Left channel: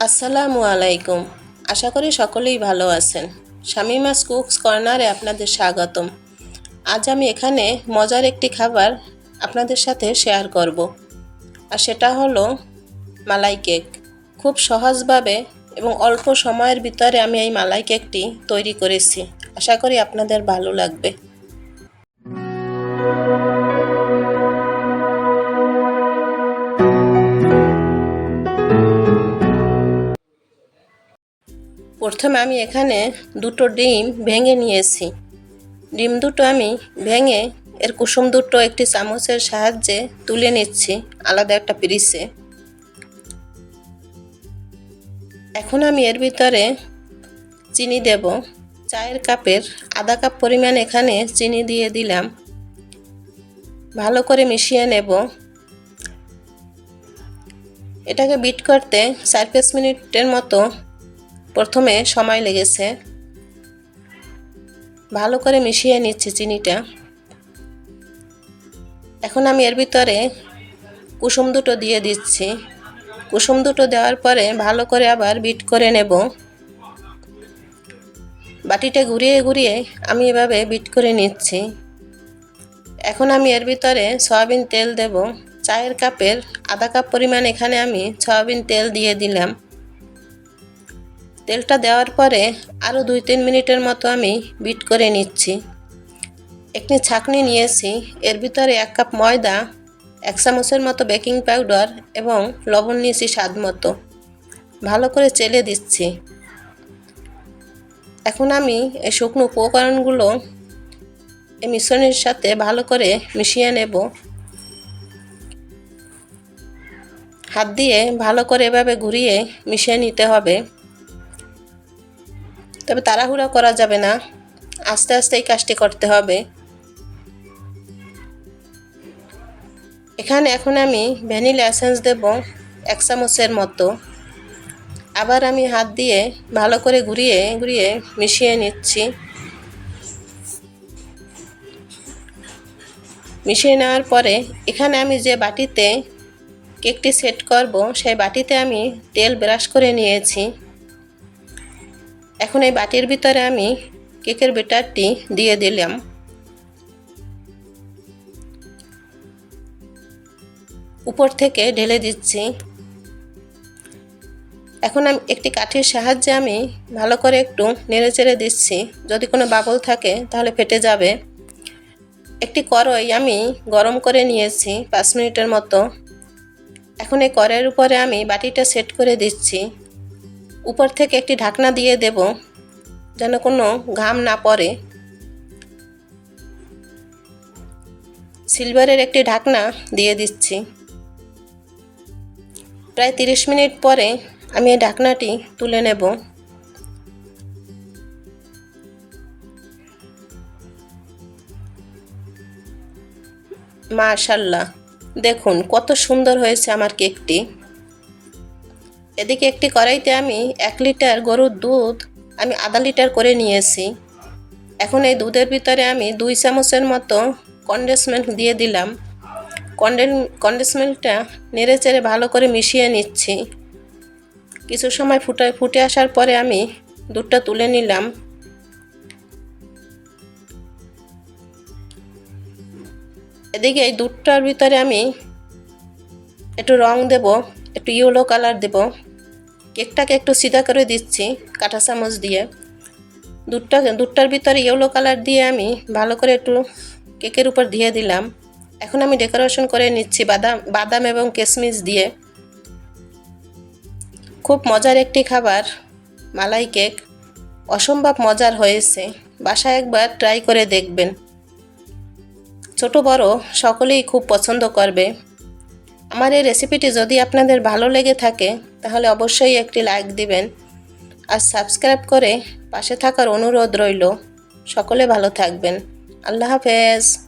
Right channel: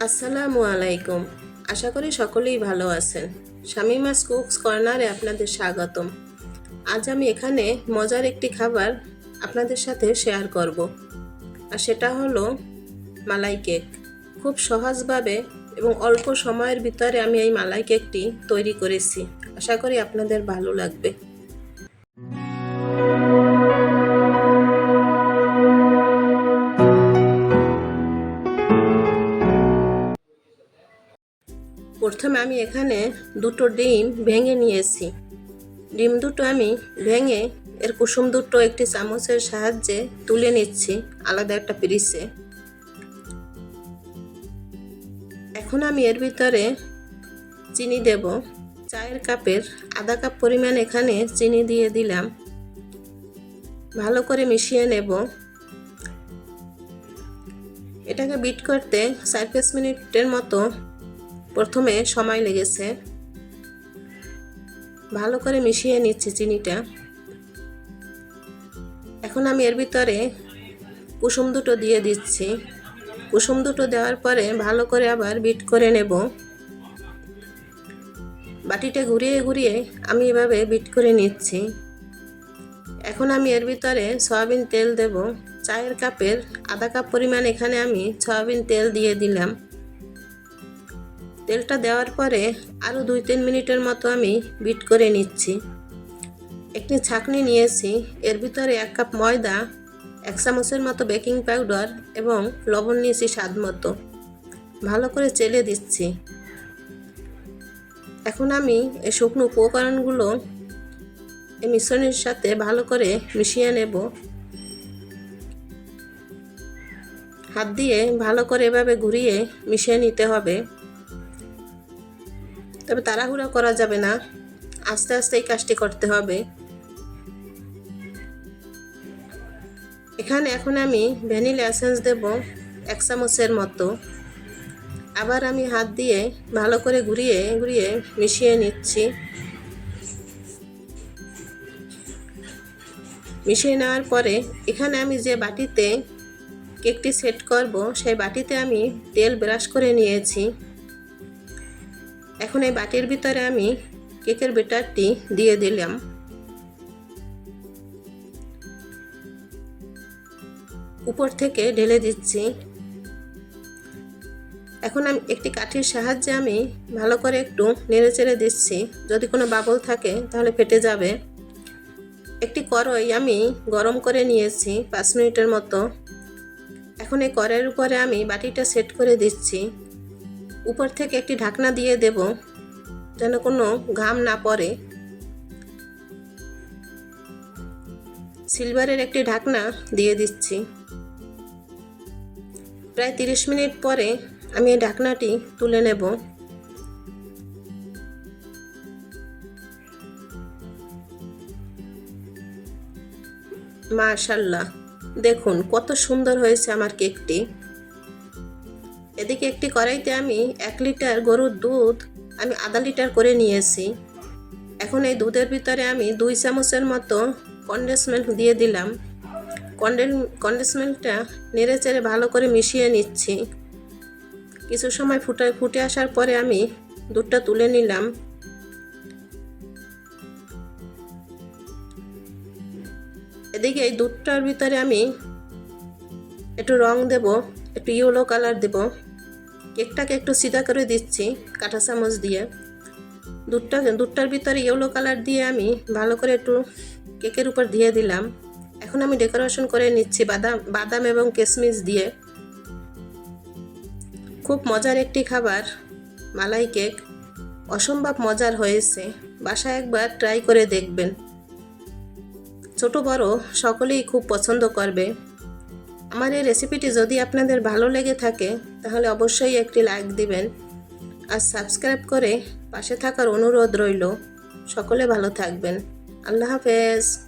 আসসালামু আলাইকুম। আশা করি সকলেই ভালো আছেন। শামিমাস কুকস কর্নারে আপনাদের স্বাগতম। আজ আমি এখানে মজার একটি খাবার আপনাদের সাথে শেয়ার করব। আর সেটা হলো মালাই কেক। খুব সহজভাবে এবং অল্প সময়ের ভিতরে আমি এই মালাই কেকটি তৈরি করেছি। আশা করি আপনাদের ভালো লাগবে। প্রথমে আমি এখানে দুটো ডিম ভেঙে নিয়েছি। ডিম দুটো আমি ভেঙে এর কুসুম দুটো একটি চামচের সাহায্যে তুলে নিচ্ছি আলাদা একটা পিরিসে এখন আমি এর ভিতরে চিনি দেব। চায়ের কাপের আধা কাপ পরিমাণ এখানে চিনি দিয়ে দিলাম। ভালো করে মিশিয়ে নেব। এটাকে বিট করতে চার পাঁচ মিনিটের মতো প্রথমে সময় লেগেছে। ভালো করে মিশিয়ে নিচ্ছি চিনিটা। এখন আমি এর ভিতরে কুসুম দুটো দিয়ে দিচ্ছি। কুসুম দুটো দেওয়ার পরে ভালো করে আবার বিট করে নেব। বাটিটা ঘুরিয়ে ঘুরিয়ে আমি এভাবে বিট করে নিচ্ছি। এখন আমি এর ভিতরে সয়াবিন তেল দেব। চায়ের কাপের আধা কাপ পরিমাণ এখানে আমি সয়াবিন তেল দিয়ে দিলাম। তেলটা দেওয়ার পরে আরও দুই তিন মিনিটের মতো আমি বিট করে নিচ্ছি। একটি ছাঁকনি নিয়েছি। এর ভিতরে এক কাপ ময়দা, এক চামচের মতো বেকিং পাউডার এবং লবণ নিয়েছি স্বাদ মতো। ভালো করে চেলে দিচ্ছি। এখন আমি এই শুকনো উপকরণগুলো এই মিশ্রণের সাথে ভালো করে মিশিয়ে নেব। হাত দিয়ে ভালো করে এভাবে ঘুরিয়ে মিশিয়ে নিতে হবে। তবে তাড়াহুড়া করা যাবে না। আস্তে আস্তে এই কাজটি করতে হবে। এখানে এখন আমি ভ্যানিলা এসেন্স দেব এক চামচের মতো। আবার আমি হাত দিয়ে ভালো করে ঘুরিয়ে ঘুরিয়ে মিশিয়ে নিচ্ছি। মিশিয়ে নেওয়ার পরে এখানে আমি যে বাটিতে কেকটি সেট করব, সেই বাটিতে আমি তেল ব্রাশ করে নিয়েছি। এখন এই বাটির ভিতরে আমি কেকের বেটারটি দিয়ে দিলাম। উপর থেকে ঢেলে দিচ্ছি। এখন আমি একটি কাঠির সাহায্যে আমি ভালো করে একটু নেড়ে চেড়ে দিচ্ছি। যদি কোনো বাবল থাকে তাহলে ফেটে যাবে। একটি করই আমি গরম করে নিয়েছি পাঁচ মিনিটের মতো। এখন এই কড়াইয়ের উপরে আমি বাটিটা সেট করে দিচ্ছি। উপর থেকে একটি ঢাকনা দিয়ে দেব যেন কোনো ঘাম না পড়ে। সিলভারের একটি ঢাকনা দিয়ে দিচ্ছি। প্রায় তিরিশ মিনিট পরে আমি এই ঢাকনাটি তুলে নেব। মাশাল্লাহ, দেখুন কত সুন্দর হয়েছে আমার কেকটি। এদিকে একটি কড়াইতে আমি এক লিটার গরুর দুধ আমি আধা লিটার করে নিয়েছি। এখন এই দুধের ভিতরে আমি দুই চামচের মতো কন্ডেন্স মিল্ক দিয়ে দিলাম। কন্ডেন কন্ডেন্স মিল্কটা নেড়ে চেড়ে ভালো করে মিশিয়ে নিচ্ছি। কিছু সময় ফুটে ফুটে আসার পরে আমি দুধটা তুলে নিলাম। এদিকে এই দুধটার ভিতরে আমি একটু রং দেব, একটু ইয়েলো কালার দেব। কেকটাকে একটু সিধা করে দিচ্ছি, কাঁটা চামচ দিয়ে। দুধটা, দুধটার ভিতরে ইয়েলো কালার দিয়ে আমি ভালো করে একটু কেকের উপর দিয়ে দিলাম। এখন আমি ডেকোরেশন করে নিচ্ছি বাদাম বাদাম এবং কিশমিশ দিয়ে। খুব মজার একটি খাবার, মালাই কেক। অসম্ভব মজার হয়েছে, বাসায় একবার ট্রাই করে দেখবেন। ছোট বড় সকলেই খুব পছন্দ করবে। আমার এই রেসিপিটি যদি আপনাদের ভালো লেগে থাকে, তাহলে অবশ্যই একটি লাইক দিবেন। আর সাবস্ক্রাইব করে পাশে থাকার অনুরোধ রইল। সকলে ভালো থাকবেন। আল্লাহ হাফেজ।